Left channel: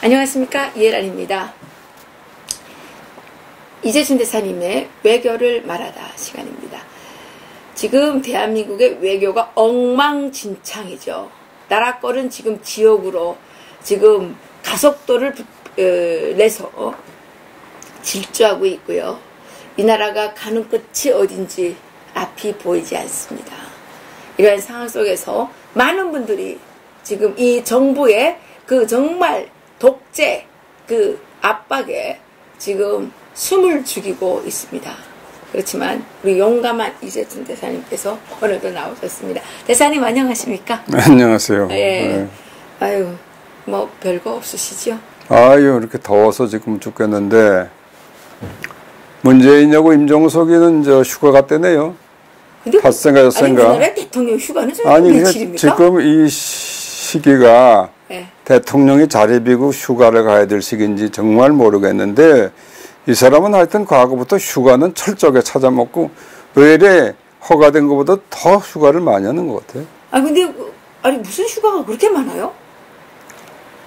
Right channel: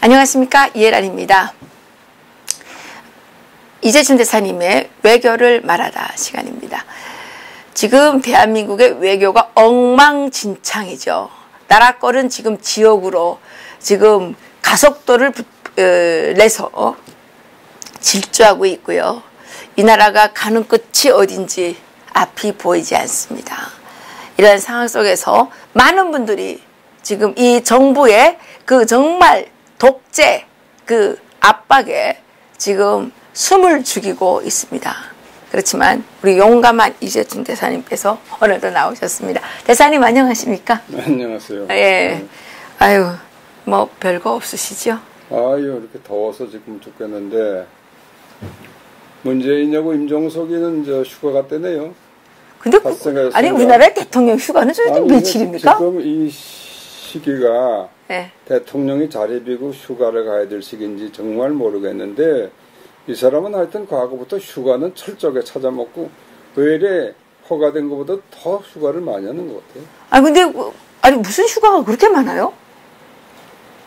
안녕하십니까, 이혜란입니다. 이재춘 대사님의 외교를 말하다 시간입니다. 지금 대한민국의 외교가 엉망진창이죠. 나라 거는 지금 지역으로 지금 가속도를 내서 질주하고 있고요. 이 나라가 가는 끝이 어딘지 앞이 보이지 않습니다. 이런 상황 속에서 많은 분들이 지금 이 정부의 그 정말 독재 그 압박에 지금 숨을 죽이고 있습니다. 그렇지만 우리 용감한 이재춘 대사님께서 오늘도 나오셨습니다. 대사님 안녕하십니까? 안녕하세요. 예. 네. 아유, 뭐 별거 없으시죠? 아유, 이렇게 더워서 지금 죽겠는데 문재인하고 임종석이는 저 휴가 갔대네요. 근데 닷새인가 아니 우리나라의 대통령 휴가는 좀 며칠입니까? 지금 이 시기가 네. 대통령이 자리 비고 휴가를 가야 될 시기인지 정말 모르겠는데 이 사람은 하여튼 과거부터 휴가는 철저하게 찾아먹고 외래 허가된 것보다 더 휴가를 많이 하는 것 같아요. 아 근데 아니 무슨 휴가가 그렇게 많아요?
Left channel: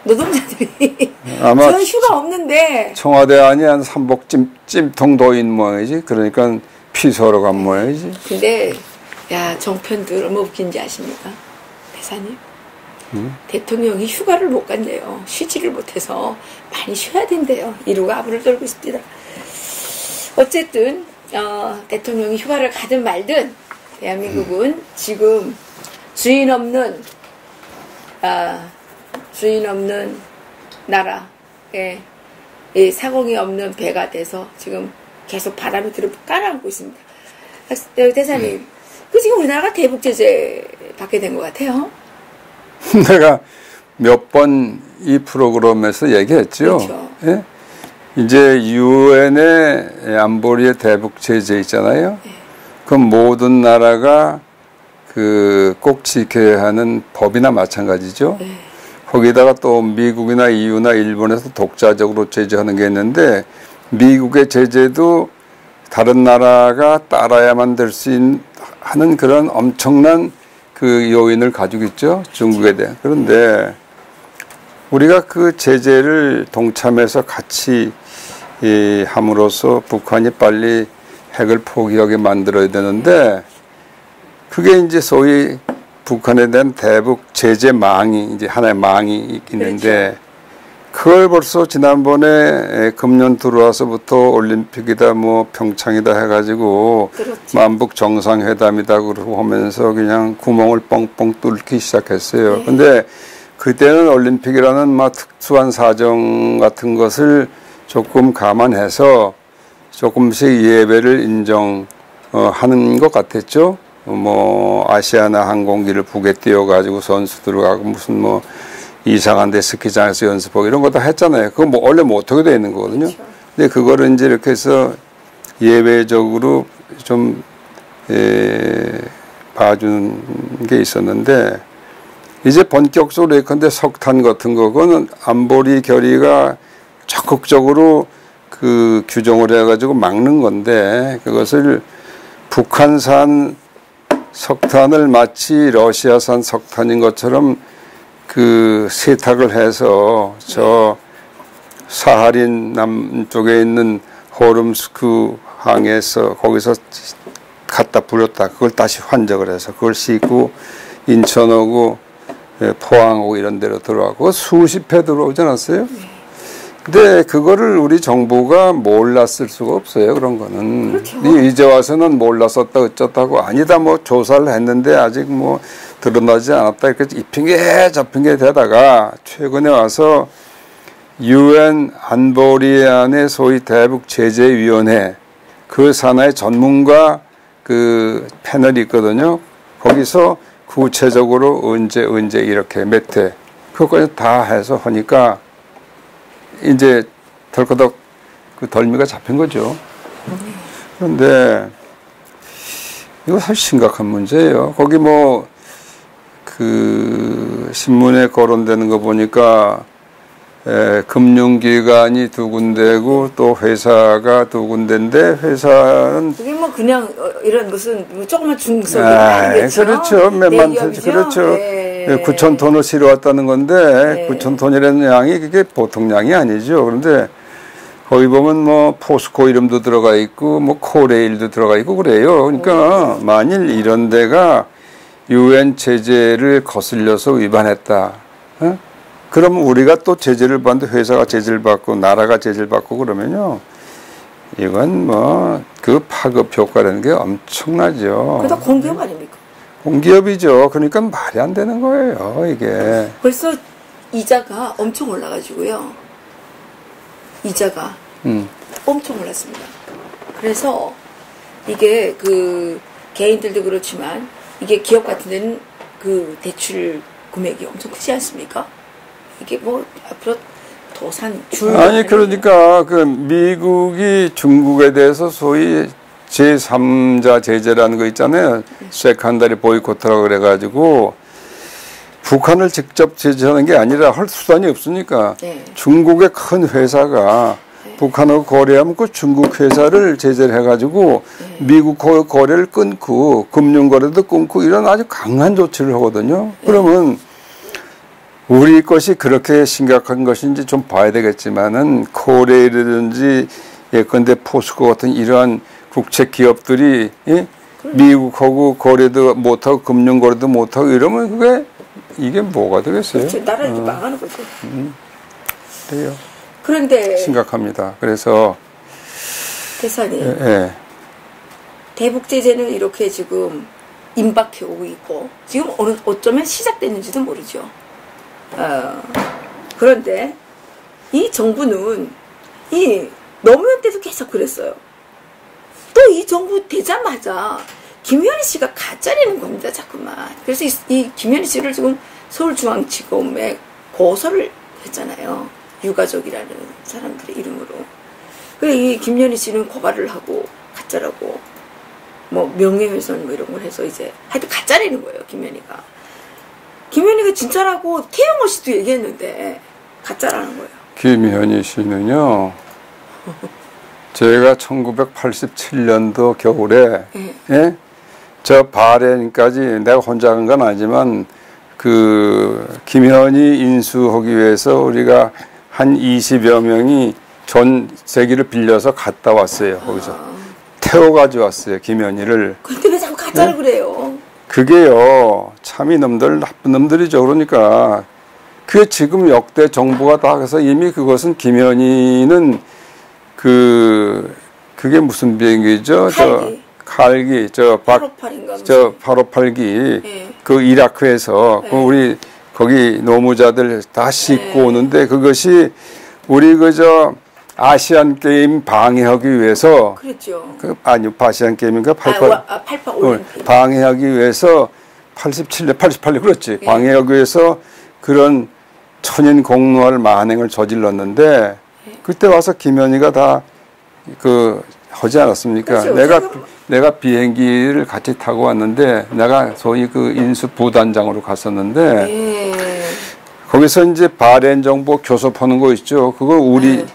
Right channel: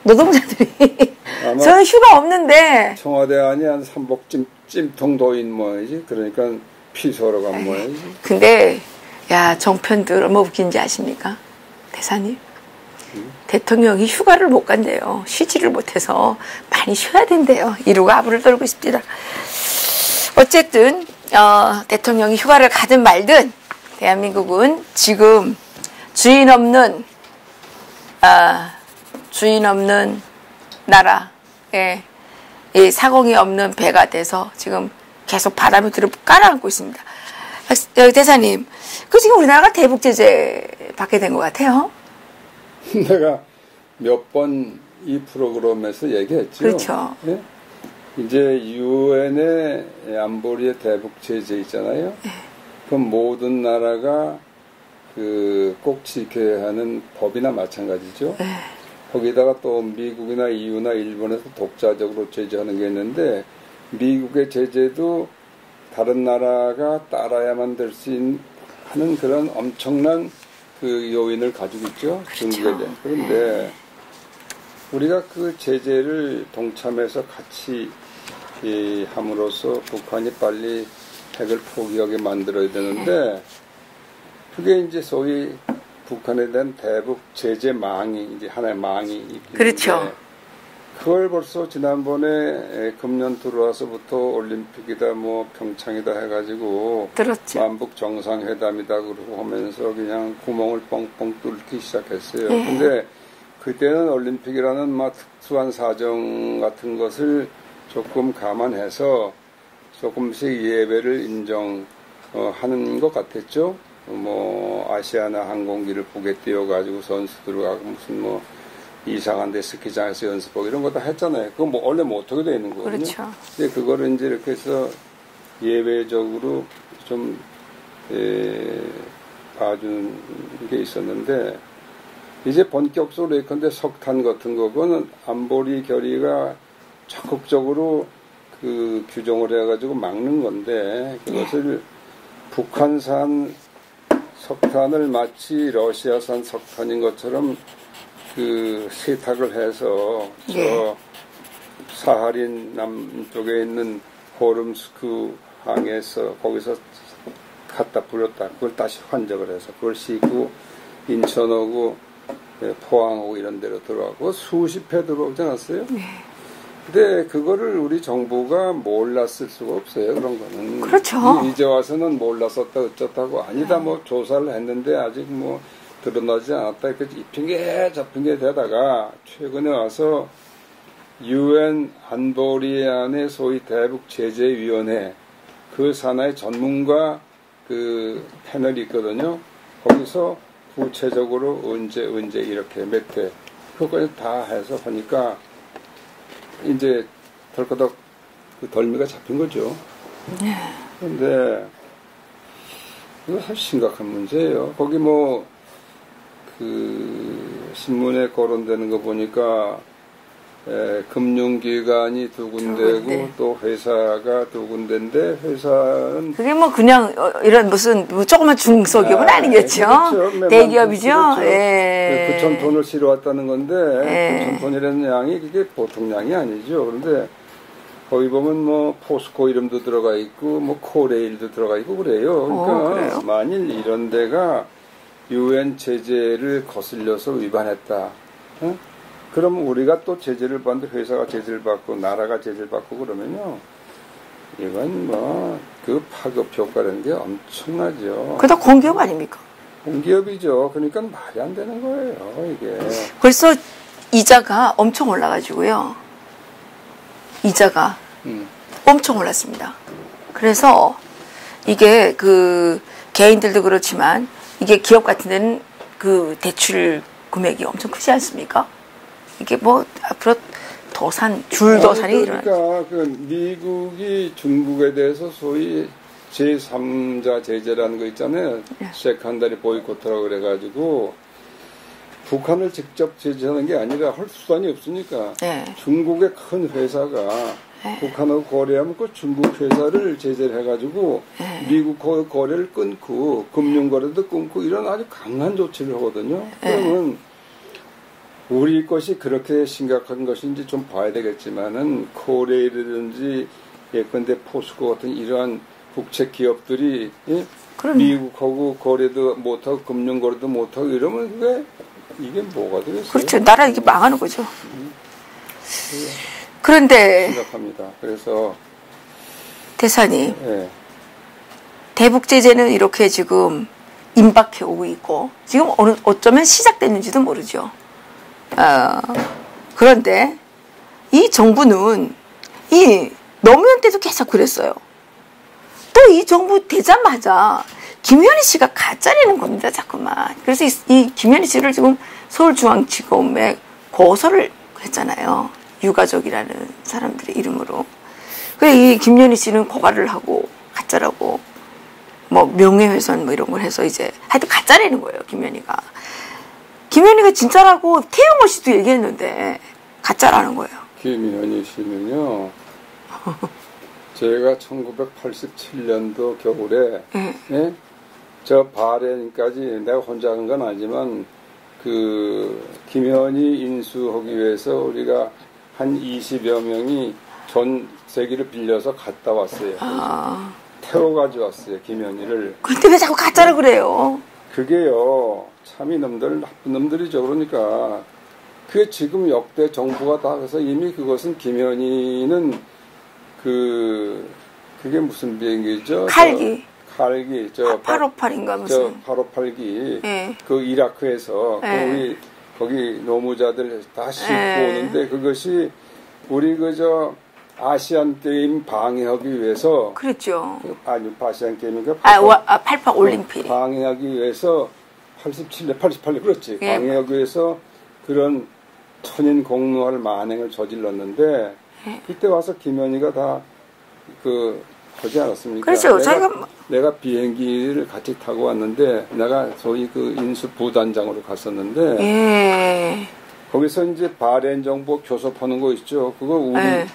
노동자들이 아마 저는 휴가 없는데 청와대 안이 한 삼복 찜통도인 모양이지. 그러니까 피서로 간 모양이지. 근데 야 정편들 얼마 웃긴지 아십니까? 대사님 대통령이 휴가를 못 간대요. 쉬지를 못해서 많이 쉬어야 된대요. 이루가 아부를 떨고 있습니다. 어쨌든 대통령이 휴가를 가든 말든 대한민국은 지금 주인 없는 나라에 이 사공이 없는 배가 돼서 지금 계속 바람이 들어 깔아앉고 있습니다. 대사님, 그 지금 우리나라가 대북 제재 받게 된 것 같아요. 내가 몇 번 이 프로그램에서 얘기했죠. 그렇죠. 예? 이제 유엔의 안보리의 대북 제재 있잖아요. 네. 그 모든 나라가 그 꼭 지켜야 하는 법이나 마찬가지죠. 네. 거기다가 또 미국이나 EU나 일본에서 독자적으로 제재하는 게 있는데 미국의 제재도 다른 나라가 따라야만 될 수 하는 그런 엄청난 그 요인을 가지고 있죠. 그렇죠. 중국에 대한. 그런데 우리가 그 제재를 동참해서 같이 함으로써 북한이 빨리 핵을 포기하게 만들어야 되는데 그게 이제 소위 북한에 대한 대북 제재 망이 이제 하나의 망이 있는데 그렇죠. 그걸 벌써 지난번에 금년 들어와서부터 올림픽이다 뭐 평창이다 해가지고 그렇죠. 만북 정상회담이다 그러고 하면서 그냥 구멍을 뻥뻥 뚫기 시작했어요. 네. 근데 그때는 올림픽이라는 막 특수한 사정 같은 것을 조금 감안해서 조금씩 예배를 인정하는 것 같았죠. 뭐 아시아나 항공기를 북에 띄워가지고 선수들 가고 무슨 뭐 이상한 데 스키장에서 연습하고 이런 거 다 했잖아요. 그거 뭐 원래 못 하게 돼 있는 거거든요. 그렇죠. 근데 그거를 이제 이렇게 해서 예외적으로 좀 봐주는 게 있었는데 이제 본격적으로 예컨대 석탄 같은 거 그거는 안보리 결의가 적극적으로 그 규정을 해가지고 막는 건데 그것을 북한산 석탄을 마치 러시아산 석탄인 것처럼 그 세탁을 해서 저 사하린 남쪽에 있는 호름스크 항에서 거기서 갖다 뿌렸다. 그걸 다시 환적을 해서 그걸 싣고 인천하고 포항하고 이런 데로 들어가고 수십 회 들어오지 않았어요? 근데 그거를 우리 정부가 몰랐을 수가 없어요. 그런 거는. 그렇죠. 이제 와서는 몰랐었다 어쩌다고 아니다 뭐 조사를 했는데 아직 뭐 드러나지 않았다 이렇게 이 핑계 저 핑계 대다가 최근에 와서 유엔 안보리 안에 소위 대북 제재위원회 그 산하의 전문가 그 패널이 있거든요. 거기서 구체적으로 언제 이렇게 몇 회 그것까지 다 해서 하니까 이제 덜커덕 그 덜미가 잡힌 거죠. 그런데 이거 사실 심각한 문제예요. 거기 뭐 그 신문에 거론되는 거 보니까 금융기관이 두 군데고 또 회사가 두 군데인데 회사는 그게 뭐 그냥 이런 무슨 뭐 조그만 중소기업 아니겠죠? 그렇죠. 대기업이죠. 그렇죠. 예. 9천 톤을 실어왔다는 건데 예. 9천 톤이라는 양이 그게 보통 양이 아니죠. 그런데 거기 보면 뭐 포스코 이름도 들어가 있고 뭐 코레일도 들어가 있고 그래요. 그러니까 만일 이런 데가 유엔 제재를 거슬려서 위반했다. 어? 그럼 우리가 또 제재를 받는데 회사가 제재를 받고 나라가 제재를 받고 그러면요. 이건 뭐 그 파급 효과라는 게 엄청나죠. 그다 공기업 아닙니까? 공기업이죠. 그러니까 말이 안 되는 거예요, 이게. 벌써 이자가 엄청 올라가지고요. 이자가 엄청 올랐습니다. 그래서 이게 그 개인들도 그렇지만 이게 기업 같은 데는 그 대출 금액이 엄청 크지 않습니까? 이게 뭐 앞으로 도산 줄도 아니 그러니까 그 미국이 중국에 대해서 소위 제3자 제재라는 거 있잖아요. 세컨더리 보이콧이라고 그래가지고 북한을 직접 제재하는 게 아니라 할 수단이 없으니까 중국의 큰 회사가 북한하고 거래하면 그 중국 회사를 제재를 해가지고 미국하고 거래를 끊고 금융거래도 끊고 이런 아주 강한 조치를 하거든요. 그러면 우리 것이 그렇게 심각한 것인지 좀 봐야 되겠지만은 코레일이라든지 예컨대 포스코 같은 이러한 국책 기업들이 미국하고 거래도 못하고 금융거래도 못하고 이러면 그게 이게 뭐가 되겠어요? 그렇죠. 나라 이제 망하는 거죠. 그래요. 그런데 심각합니다. 그래서 대사님 대북 제재는 이렇게 지금 임박해 오고 있고 지금 어쩌면 시작됐는지도 모르죠. 그런데 이 정부는 이 노무현 때도 계속 그랬어요. 또 이 정부 되자마자 김현희 씨가 가짜내는 겁니다, 자꾸만. 그래서 이 김현희 씨를 지금 서울중앙지검에 고소를 했잖아요. 유가족이라는 사람들의 이름으로. 그래서 이 김현희 씨는 고발을 하고 가짜라고 뭐 명예훼손 뭐 이런 걸 해서 이제 하여튼 가짜내는 거예요, 김현희가. 김현희가 진짜라고 태영호 씨도 얘기했는데 가짜라는 거예요. 김현희 씨는요. 제가 1987년도 겨울에 저 바레인까지 내가 혼자 간 건 아니지만 그 김현희 인수하기 위해서 우리가 한 20여 명이 전 세기를 빌려서 갔다 왔어요. 거기서 태워가지고 왔어요, 김현희를. 근데 왜 자꾸 가짜라고 그래요? 그게요, 참 이놈들 나쁜 놈들이죠. 그러니까 그게 지금 역대 정부가 다 해서 이미 그것은 김현희는 그게 무슨 비행기죠? 칼기. 858인가 무슨. 858기. 그 이라크에서 그 우리 거기 노무자들 다 싣고 오는데 그것이 우리 아시안 게임 방해하기 위해서. 그랬죠. 아니요, 아시안 게임인가? 88 올림픽. 방해하기 위해서 87년, 88년 그렇지. 방해하기 위해서 그런 천인 공노할 만행을 저질렀는데 그때 와서 김현희가 다 하지 않았습니까? 그렇죠. 내가 비행기를 같이 타고 왔는데 내가 소위 그 인수 부단장으로 갔었는데 거기서 이제 바레인 정보 교섭하는 거 있죠. 그거 우리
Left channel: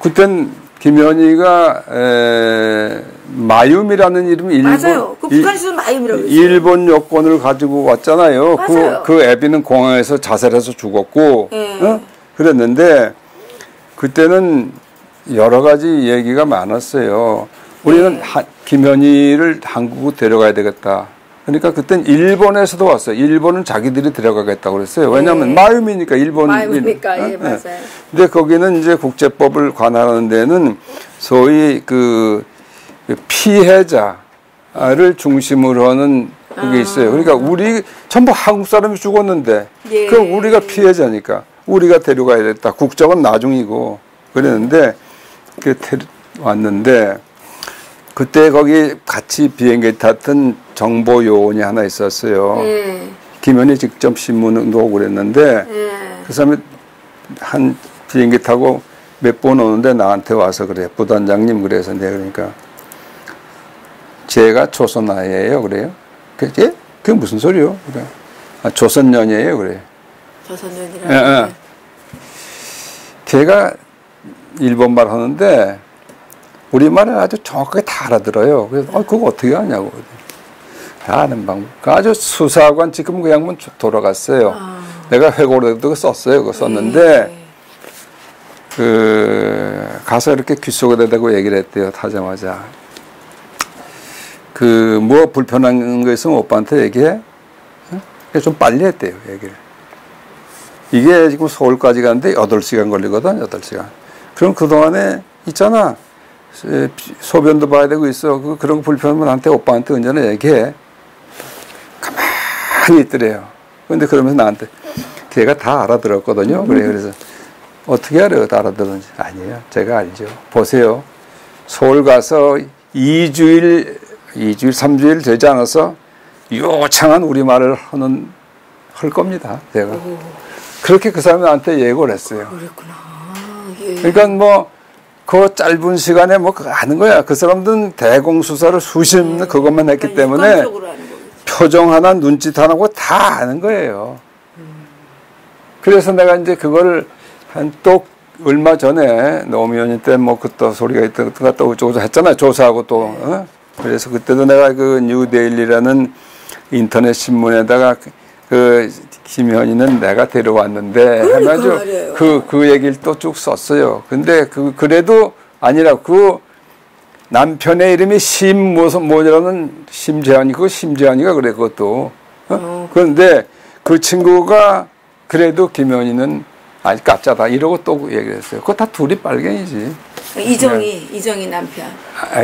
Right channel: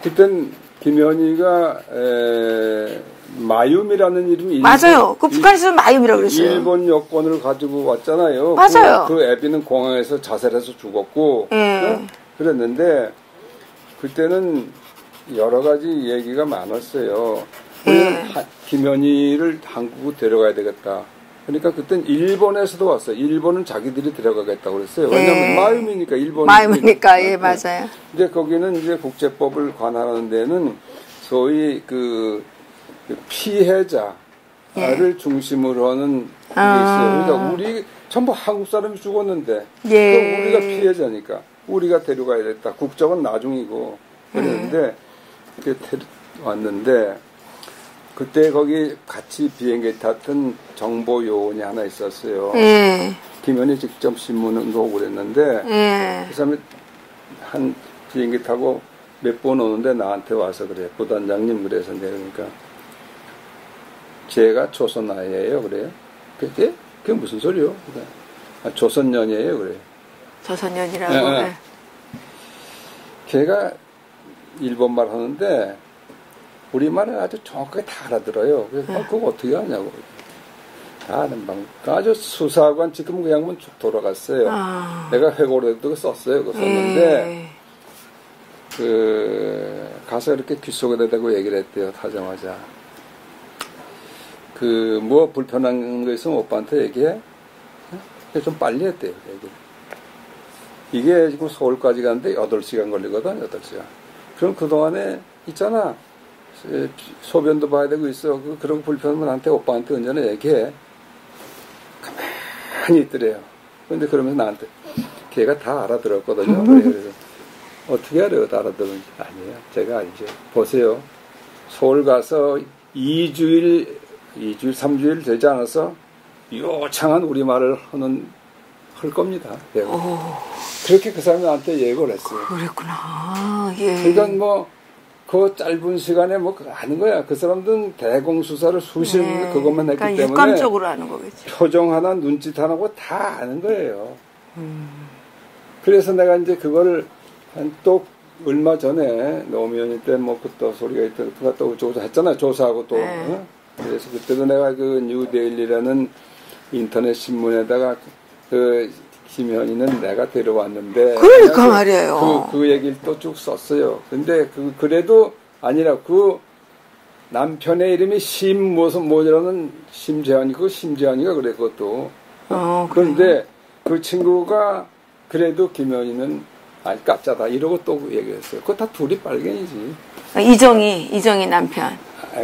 그땐 김현희가 마윰이라는 이름이 맞아요. 그 북한에서 마윰이라고 그랬어요. 일본 여권을 가지고 왔잖아요. 맞아요. 그 애비는 공항에서 자살해서 죽었고 그랬는데 그때는 여러 가지 얘기가 많았어요. 우리는 김현희를 한국으로 데려가야 되겠다. 그러니까 그땐 일본에서도 왔어요. 일본은 자기들이 데려가겠다고 그랬어요. 왜냐하면 마윰이니까 일본. 마윰이니까 맞아요. 근데 거기는 이제 국제법을 관할하는 데는 소위 그 피해자를 중심으로 하는 그게 있어요. 그러니까 우리 전부 한국 사람이 죽었는데 그럼 우리가 피해자니까 우리가 데려가야 됐다. 국적은 나중이고 그랬는데 왔는데 그때 거기 같이 비행기 탔던 정보 요원이 하나 있었어요. 김현희 직접 신문도 오고 그랬는데 그 사람이 한 비행기 타고 몇 번 오는데 나한테 와서 그래. 부단장님 그래서 내가 그러니까 제가 조선아예요 그래요. 그게 무슨 소리요? 그래. 아, 조선년이에요, 그래. 조선년이라고. 예, 예. 걔가 일본말 하는데 우리말을 아주 정확하게 다 알아들어요. 그래서 그거 어떻게 하냐고. 아는 방법. 아주 수사관 지금 그 양반 돌아갔어요. 내가 회고록에도 썼어요. 그거 썼는데 그 가서 이렇게 귀 속에다 대고 얘기를 했대요. 타자마자. 그 뭐 불편한 거 있으면 오빠한테 얘기해. 좀 빨리 했대요. 얘기를. 이게 지금 서울까지 가는데 8시간 걸리거든. 8시간. 그럼 그동안에 있잖아. 소변도 봐야 되고 있어. 그런 거 불편하면 나한테 오빠한테 언제나 얘기해. 가만히 있더래요. 근데 그러면서 나한테 걔가 다 알아들었거든요. 그래서 어떻게 알아요? 다 알아들었는지. 아니에요. 제가 알죠. 보세요. 서울 가서 2주일, 3주일 되지 않아서 요창한 우리말을 할 겁니다. 제가. 그렇게 그 사람이 나한테 예고를 했어요. 그랬구나. 예. 그러니까 뭐, 그 짧은 시간에 뭐 아는 거야. 그 사람들은 대공수사를 수십 년 그것만 했기 때문에 일관적으로 하는 거겠죠. 표정 하나, 눈짓 하나고 다 아는 거예요. 그래서 내가 이제 그걸 또 얼마 전에 노무현 때 뭐 그때 소리가 있던 것 갔다 어쩌고 했잖아요. 조사하고 또. 어? 그래서 그때도 내가 그 뉴데일리라는 인터넷 신문에다가 그 김현희는 내가 데려왔는데 그러니까 말이에요. 그 얘기를 또 쭉 썼어요. 근데 그래도 아니라 그 남편의 이름이 뭐라는 심재환이 그거 심재환이가 그래 그것도. 그런데 그 친구가 그래도 김현희는 아니 가짜다 이러고 또 얘기를 했어요. 그거 다 둘이 빨갱이지. 이정희 남편.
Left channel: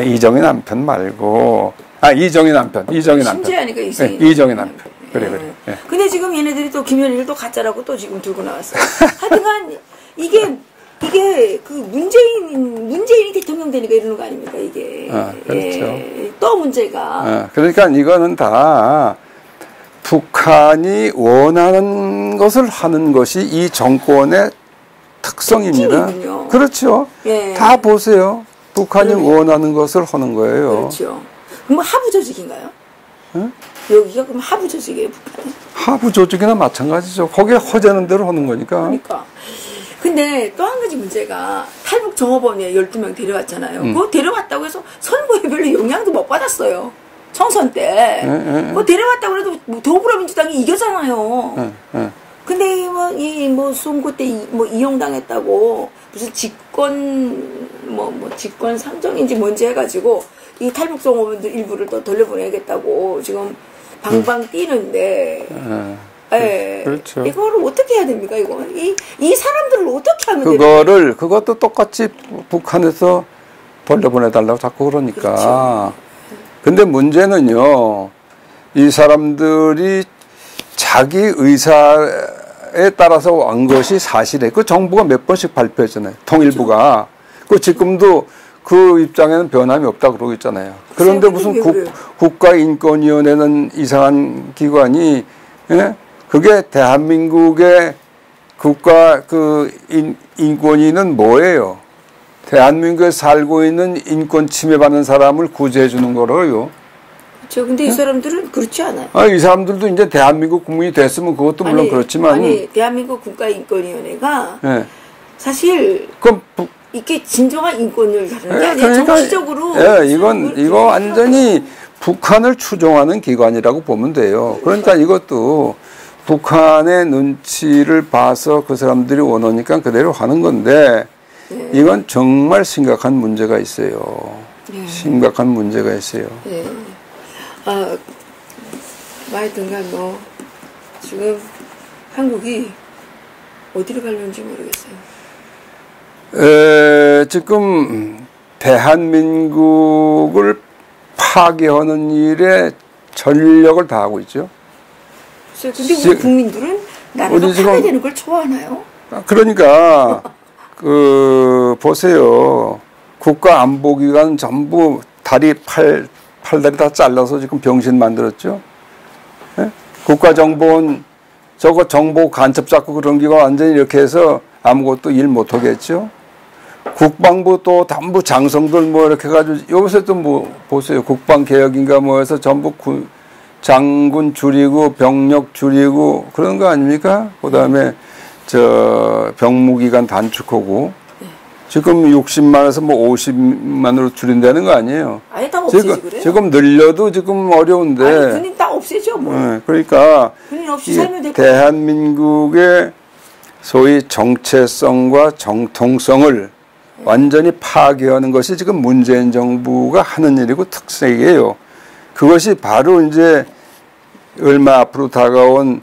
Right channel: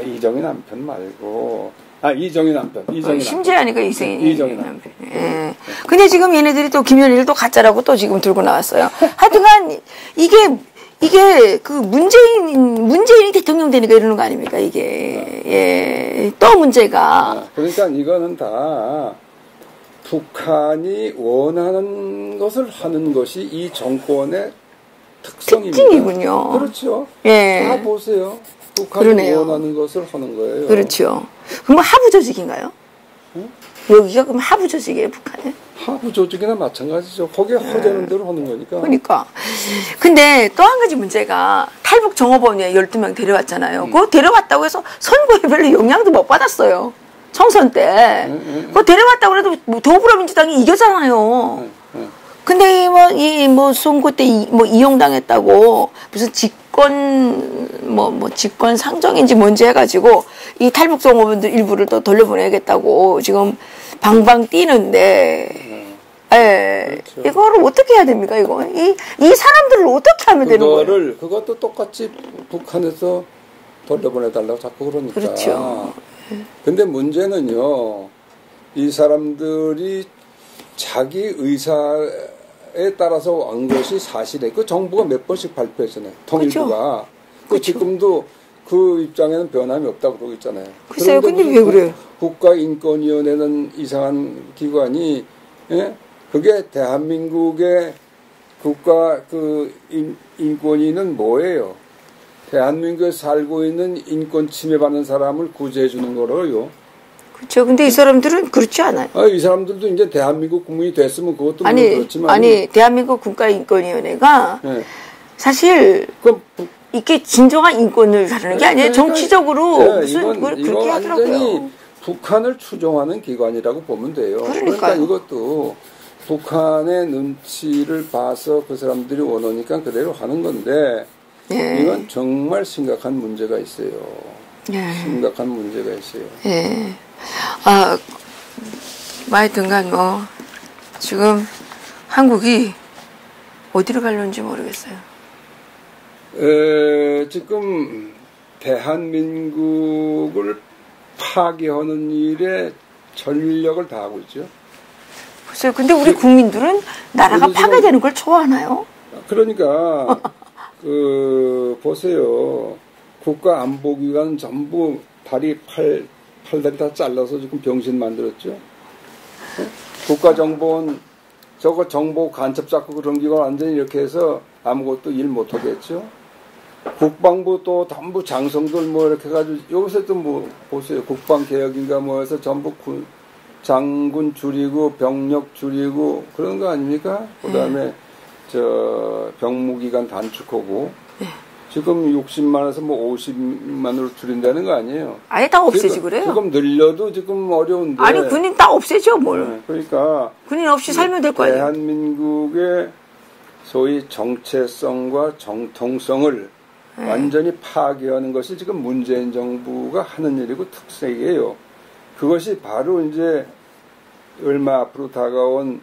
이정희 남편 말고 이정희 남편. 심재환이가 이정희 남편. 그래. 근데 지금 얘네들이 또 김현희를 또 가짜라고 또 지금 들고 나왔어요. 하여튼간 이게 그 문재인이 대통령 되니까 이러는 거 아닙니까 이게. 그렇죠. 예. 또 문제가. 그러니까 이거는 다 북한이 원하는 것을 하는 것이 이 정권의 특성입니다. 특징이군요. 그렇죠. 예. 다 보세요. 북한이 그러네요. 원하는 것을 하는 거예요. 그렇죠. 그럼 하부 조직인가요? 응? 여기가 그럼 하부 조직이에요, 북한은? 하부 조직이나 마찬가지죠. 거기에 허재는 대로 하는 거니까. 그러니까. 근데 또 한 가지 문제가 탈북 종업원에 12명 데려왔잖아요. 그거 데려왔다고 해서 선거에 별로 영향도 못 받았어요. 총선 때. 그거 데려왔다고 해도 뭐 더불어민주당이 이겼잖아요. 근데 뭐 선거 때 이용당했다고 무슨 직권 상정인지 뭔지 해가지고 이 탈북 종업원들 일부를 또 돌려보내겠다고 지금 방방 뛰는데, 예. 그렇죠. 이거를 어떻게 해야 됩니까, 이거? 이 사람들을 어떻게 하면 되는 거예요? 그것도 똑같이 북한에서 돌려보내달라고 자꾸 그러니까. 그렇죠. 근데 문제는요, 이 사람들이 자기 의사에 따라서 온 것이 사실이에요. 그 정부가 몇 번씩 발표했잖아요. 통일부가. 그 지금도 그 입장에는 변함이 없다고 그러고 있잖아요. 그런데 무슨 국가인권위원회는 이상한 기관이, 예? 그게 대한민국의 국가 인권위는 뭐예요? 대한민국에 살고 있는 인권 침해받는 사람을 구제해 주는 거라고요. 그렇죠. 근데 이 사람들은 그렇지 않아요. 이 사람들도 이제 대한민국 국민이 됐으면 그것도 물론 그렇지만. 대한민국 국가인권위원회가 네. 사실 이게 진정한 인권을 다루는 게 아니에요. 그러니까, 정치적으로. 이거 완전히 북한을 추종하는 기관이라고 보면 돼요. 그러니까 이것도 북한의 눈치를 봐서 그 사람들이 원하니까 그대로 하는 건데, 예. 이건 정말 심각한 문제가 있어요. 예. 심각한 문제가 있어요. 예. 하여튼간 지금 한국이 어디로 가려는지 모르겠어요. 지금 대한민국을 파괴하는 일에 전력을 다하고 있죠. 글쎄요. 근데 우리 국민들은 나라가 파괴되는 걸 좋아하나요? 그러니까 보세요. 국가안보기관 전부 팔다리 다 잘라서 지금 병신 만들었죠. 네? 국가정보원 저거 정보 간첩 잡고 그런 기관 완전히 이렇게 해서 아무것도 일 못하겠죠. 국방부 또 전부 장성들 이렇게 해가지고 여기서 또 보세요. 국방개혁인가 해서 전부 장군 줄이고 병력 줄이고 그런 거 아닙니까? 그다음에 저 병무기간 단축하고 지금 60만에서 뭐 50만으로 줄인다는 거 아니에요? 아예 다 없애지 그래요? 지금 늘려도 지금 어려운데. 아니 군인 다 없애죠 뭘. 네, 그러니까 군인 없이 살면 될 거예요. 대한민국의 소위 정체성과 정통성을 완전히 파괴하는 것이 지금 문재인 정부가 하는 일이고 특색이에요. 그것이 바로 이제 얼마 앞으로 다가온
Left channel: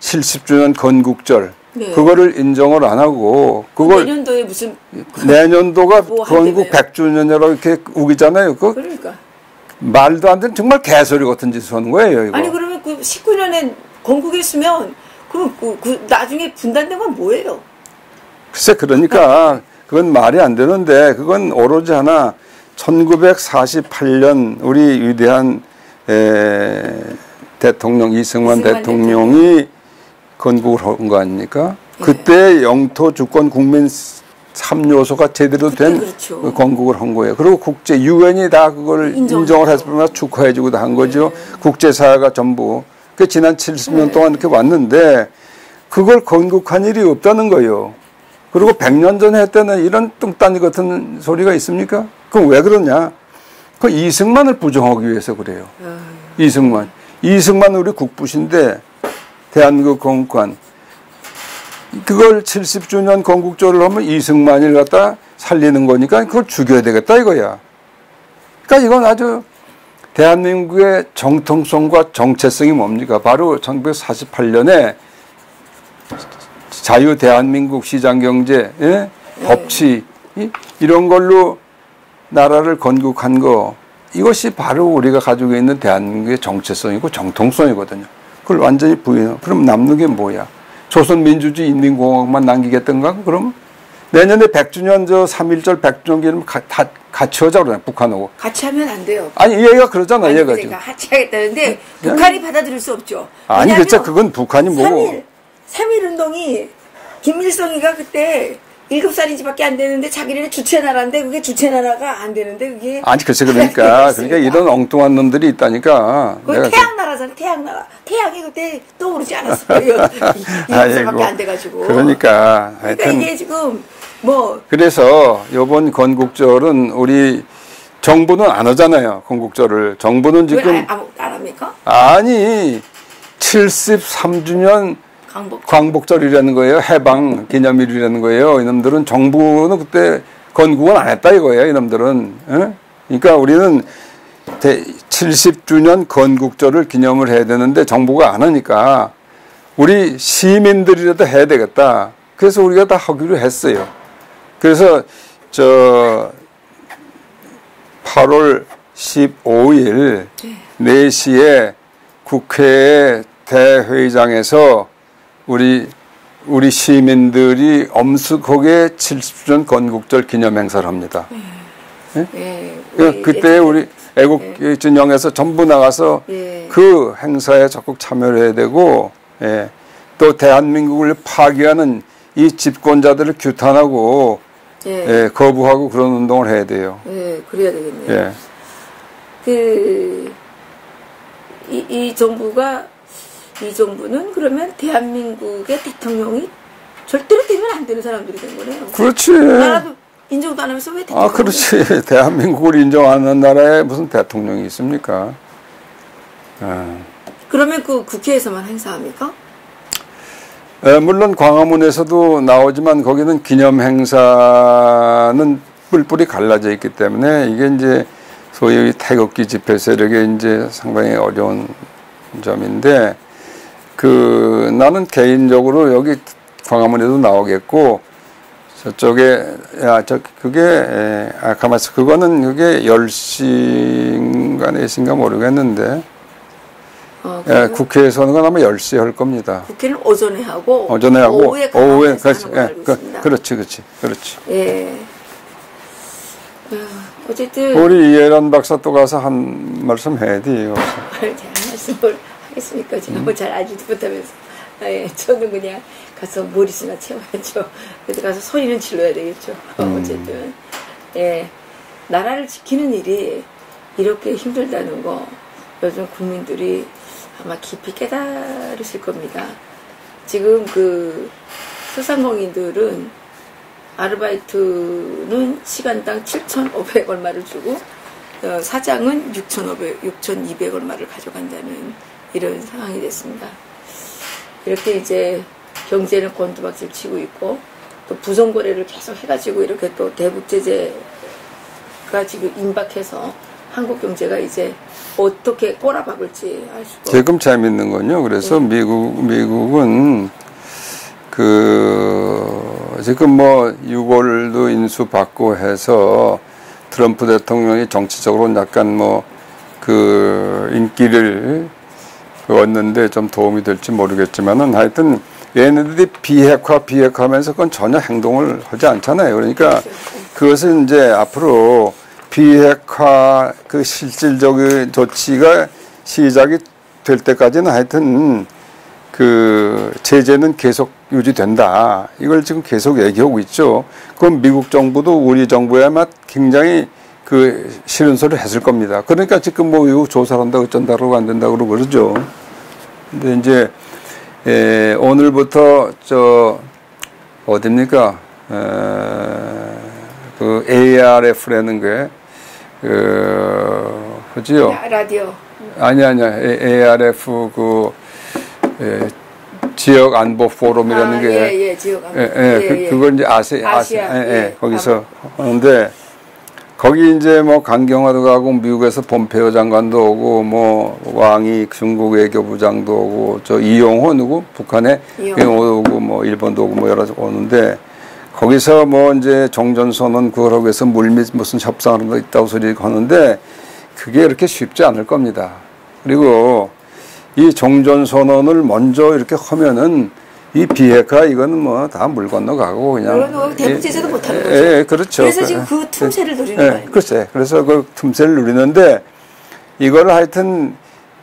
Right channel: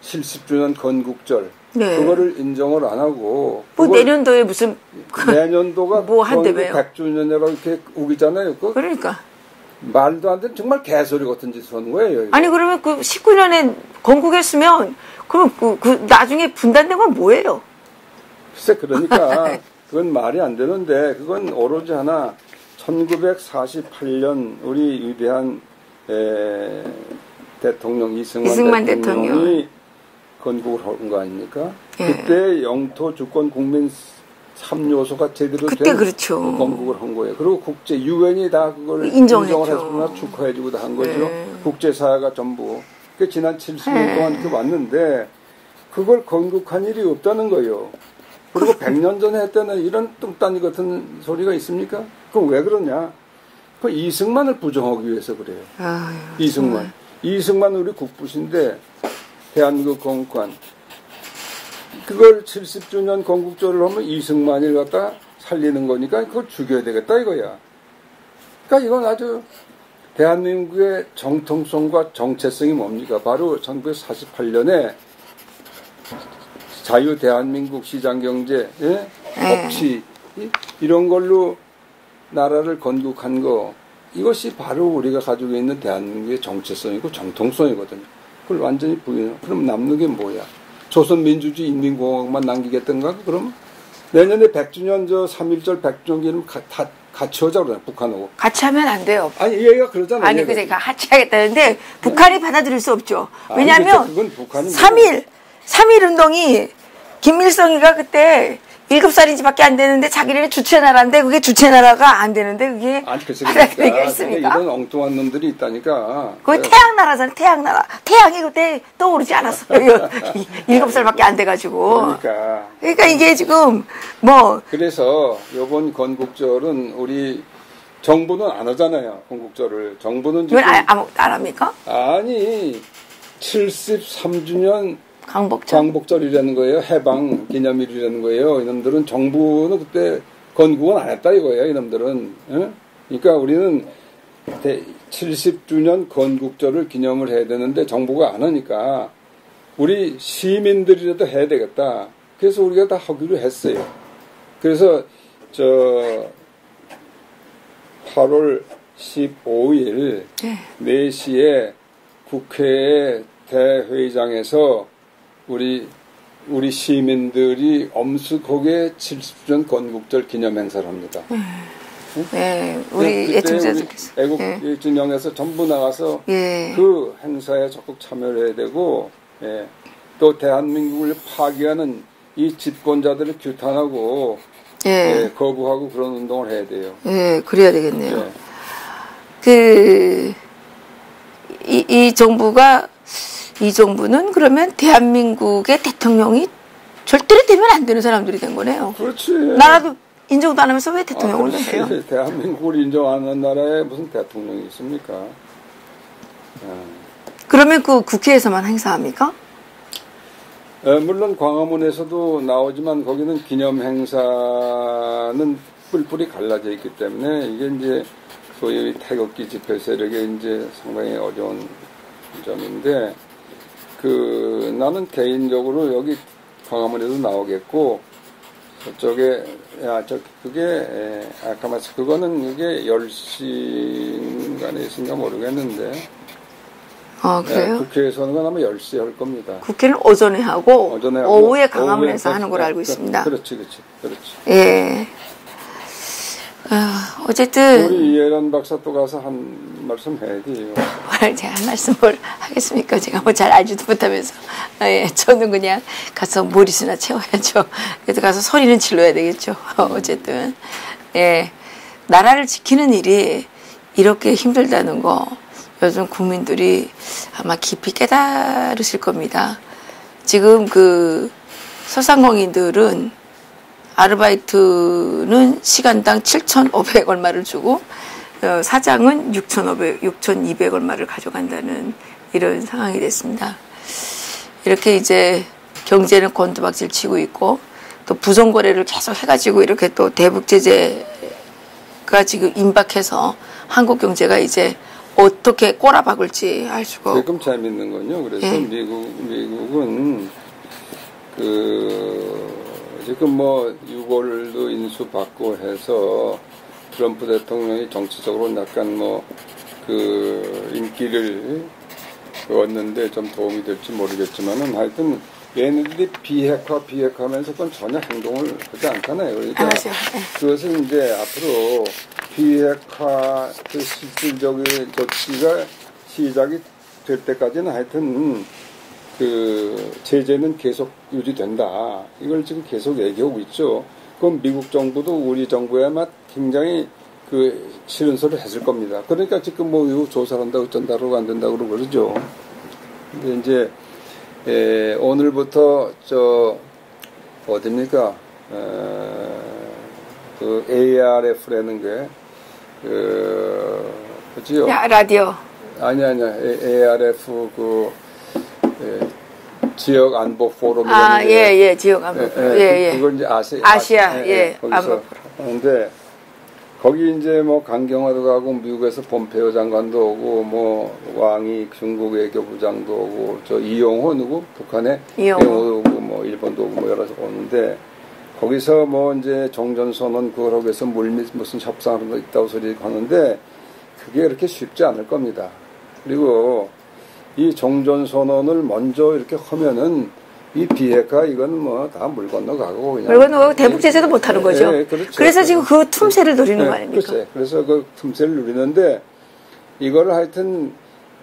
70주년 건국절 네. 그거를 인정을 안 하고 그걸 내년도에 무슨 내년도가 뭐 건국 한다며요? 100주년이라고 이렇게 우기잖아요. 그러니까 말도 안 되는 정말 개소리 같은 짓을 하는 거예요. 이거. 아니 그러면 그 19년에 건국했으면 그럼 그 나중에 분단된 건 뭐예요? 글쎄 그러니까 그건 말이 안 되는데 그건 오로지 하나 1948년 우리 위대한 대통령 이승만 대통령이 건국을 한 거 아닙니까? 예. 그때 영토 주권 국민 3요소가 제대로 된 그렇죠. 건국을 한 거예요. 그리고 국제 유엔이 다 그걸 인정을 해서 축하해주고 다 한 거죠. 예. 국제사회가 전부. 그 지난 70년 동안 이렇게 왔는데 그걸 건국한 일이 없다는 거예요. 그리고 100년 전에 했다는 이런 뚱딴이 같은 소리가 있습니까? 그럼 왜 그러냐? 그 이승만을 부정하기 위해서 그래요. 이승만. 이승만 우리 국부신데 대한민국 건국한 그걸 70주년 건국절을 하면 이승만을 갖다 살리는 거니까 그걸 죽여야 되겠다 이거야. 그러니까 이건 아주 대한민국의 정통성과 정체성이 뭡니까? 바로 1948년에 자유 대한민국 시장경제, 예? 법치 이런 걸로 나라를 건국한 거 이것이 바로 우리가 가지고 있는 대한민국의 정체성이고 정통성이거든요. 그걸 완전히 부인하면 그럼 남는 게 뭐야? 조선민주주의 인민공화국만 남기겠던가? 그럼 내년에 100주년 저 3.1절 100주년 기념 다 같이 하자 그러잖아요. 북한하고. 같이 하면 안 돼요. 아니 얘가 그러잖아요. 아니 얘가 그러니까 같이 하겠다는데 북한이 받아들일 수 없죠. 아니 왜냐하면 그렇죠. 그건 북한이 뭐 3.1 운동이 김일성이가 그때 7살인지밖에 안 되는데 자기네는 주체나라인데 그게 주체나라가 안 되는데 그게 아니 글쎄 그러니까 이런 엉뚱한 놈들이 있다니까. 그게 태양나라잖아. 태양나라. 태양이 그때 떠오르지 않았어요. 7살밖에 안 돼가지고. 그러니까 이게 지금 뭐 그래서 이번 건국절은 우리 정부는 안 하잖아요. 건국절을. 정부는 지금 아무것도 안 합니까? 아니 73주년 광복절이라는 거예요. 해방 기념일이라는 거예요. 이놈들은 정부는 그때 건국은 안 했다 이거예요. 이놈들은. 에? 그러니까 우리는 70주년 건국절을 기념을 해야 되는데 정부가 안 하니까 우리 시민들이라도 해야 되겠다. 그래서 우리가 다 하기로 했어요. 그래서 저 8월 15일 4시에 국회 대회의장에서 우리 시민들이 엄숙하게 70주년 건국절 기념 행사를 합니다. 네, 그때 우리 애국진영에서 전부 나가서 그 행사에 적극 참여를 해야 되고, 또 대한민국을 파괴하는 이 집권자들을 규탄하고 거부하고 그런 운동을 해야 돼요. 그래야 되겠네요. 이 정부는 그러면 대한민국의 대통령이 절대로 되면 안 되는 사람들이 된 거네요. 그렇지. 나라도 인정도 안 하면서 왜 대통령? 그렇지. 대한민국을 인정하는 나라에 무슨 대통령이 있습니까? 그러면 그 국회에서만 행사합니까? 물론 광화문에서도 나오지만 거기는 기념 행사는 뿔뿔이 갈라져 있기 때문에 이게 이제 소위 태극기 집회 세력의 이제 상당히 어려운 점인데 나는 개인적으로 여기 광화문에도 나오겠고 저쪽에 가만있어. 그거는 그게 10시인가 4시인가 모르겠는데 국회에서는 아마 10시에 할 겁니다. 국회는 오전에 하고 오후에 광화문에서 하는 걸로 알고 있습니다. 그렇지. 예. 어쨌든 우리 이해란 박사 또 가서 한 말씀 해야 돼요. 제가 한 말씀을 하겠습니까? 제가 뭐 잘 알지도 못하면서 저는 그냥 가서 머리수나 채워야죠. 그래서 가서 소리는 질러야 되겠죠. 어쨌든 나라를 지키는 일이 이렇게 힘들다는 거 요즘 국민들이 아마 깊이 깨달으실 겁니다. 지금 그 소상공인들은 아르바이트는 시간당 7,500 얼마를 주고 사장은 6,200 얼마를 가져간다는 이런 상황이 됐습니다. 이렇게 이제 경제는 곤두박질 치고 있고 또 부정거래를 계속 해가지고 이렇게 또 대북 제재가 지금 임박해서 한국 경제가 이제 어떻게 꼬라박을지 알 수가 없어요. 지금 재밌는 건요. 그래서 미국은 지금 뭐 6월도 인수받고 해서 트럼프 대통령이 정치적으로 약간 뭐 인기를 얻는데 좀 도움이 될지 모르겠지만은 하여튼 얘네들이 비핵화하면서 그건 전혀 행동을 하지 않잖아요. 그러니까 그것은 이제 앞으로 비핵화 실질적인 조치가 시작이 될 때까지는 하여튼 제재는 계속 유지된다. 이걸 지금 계속 얘기하고 있죠. 그럼 미국 정부도 우리 정부에 아마 굉장히 싫은 소리를 했을 겁니다. 그러니까 지금 뭐 이거 조사를 한다고 어쩐다고 안 된다고 그러고 그러죠. 근데 이제, 오늘부터 어딥니까? ARF라는 게, 그지요? 라디오. 아니야. ARF 지역 안보 포럼이라는 게. 지역 안보. 그걸 이제 아시아. 거기서 하는데, 거기 이제 뭐 강경화도 가고 미국에서 폼페이오 장관도 오고 뭐 왕이 중국 외교부장도 오고 이용호 누구 북한에 이용호 오고 뭐 일본도 오고 뭐 여러 오는데 거기서 뭐 이제 종전선언 그거라고 해서 물밑 무슨 협상을 있다고 소리 하는데 그게 그렇게 쉽지 않을 겁니다. 그리고 이 종전선언을 먼저 이렇게 하면은 이 비핵화 이거는 뭐 다 물 건너가고 그냥. 그리고 대북 제재도 못 하는 거죠. 그렇죠. 그래서 지금 그 틈새를 노리는 거 아닙니까? 글쎄. 그래서 그 틈새를 누리는데 이거를 하여튼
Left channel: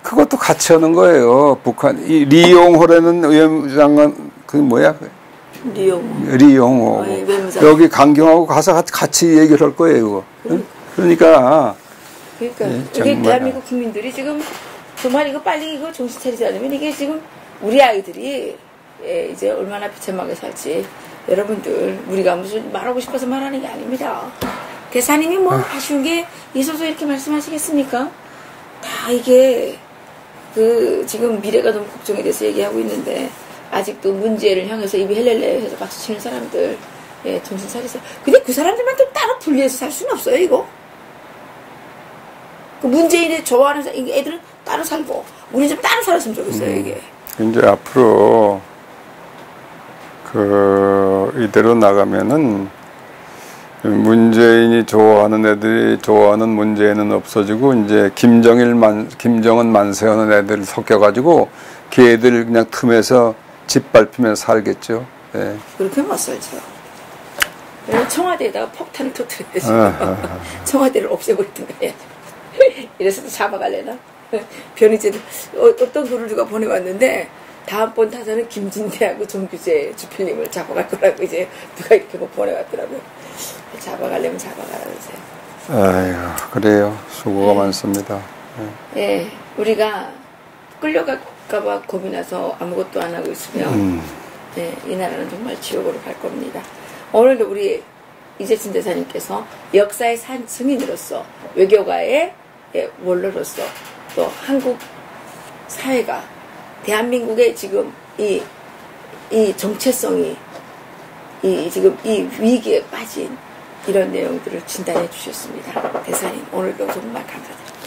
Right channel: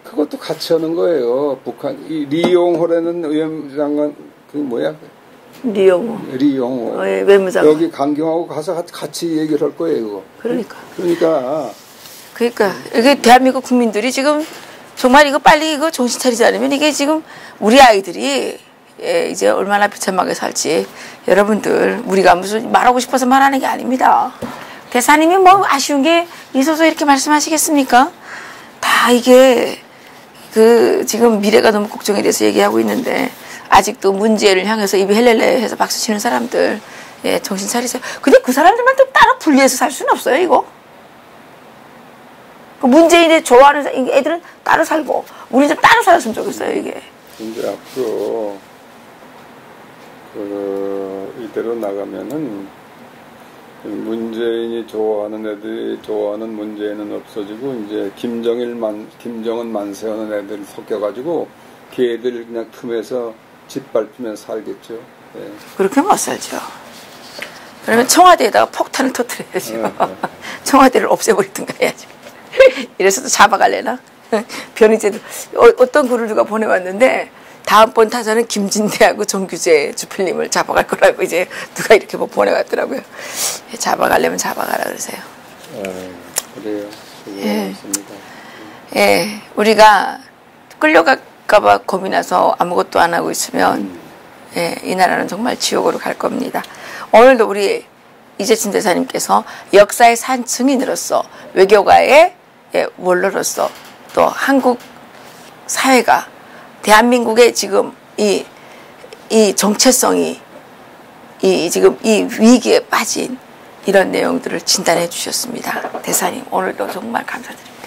그것도 같이 하는 거예요. 북한 리용호라는 외무장관 리용호. 외무장관. 여기 강경하고 가서 같이 얘기를 할 거예요. 이거. 그러니까 이게 대한민국 국민들이 지금 정말 이거 빨리 이거 정신 차리지 않으면 이게 지금 우리 아이들이 이제 얼마나 비참하게 살지. 여러분들 우리가 무슨 말하고 싶어서 말하는 게 아닙니다. 대사님이 뭐 아쉬운 게 있어서 이렇게 말씀하시겠습니까? 다 이게 지금 미래가 너무 걱정이 돼서 얘기하고 있는데 아직도 문제를 향해서 입이 헬렐레 해서 박수 치는 사람들 정신 차리세요. 근데 그 사람들만 또 따로 분리해서 살 수는 없어요. 이거 문재인이 좋아하는 애들은 따로 살고 우리 좀 따로 살았으면 좋겠어요. 이게 이제 앞으로 이대로 나가면은 문재인이 좋아하는 애들이 좋아하는 문재인은 없어지고 이제 김정은 만세하는 애들 섞여가지고 걔들 그냥 틈에서 짓밟히면서 살겠죠. 네. 그렇게 못 살죠. 그러면 청와대에다가 폭탄을 터뜨려야죠. 청와대를 없애버리든가 해야죠. 이래서 잡아갈래나? 변희재도 어떤 글을 누가 보내왔는데 다음번 타자는 김진태하고 정규재 주필님을 잡아갈 거라고 이제 누가 이렇게 뭐 보내왔더라고요. 잡아가려면 잡아가라 그러세요. 아이고, 그래요. 수고가 많습니다. 우리가 끌려갈까봐 겁이 나서 아무것도 안 하고 있으면 이 나라는 정말 지옥으로 갈 겁니다. 오늘도 우리 이재춘 대사님께서 역사의 산증인으로서 외교가의 원로로서 또 한국 사회가 대한민국의 지금 이 정체성이 지금 이 위기에 빠진 이런 내용들을 진단해 주셨습니다. 대사님 오늘도 정말 감사드립니다.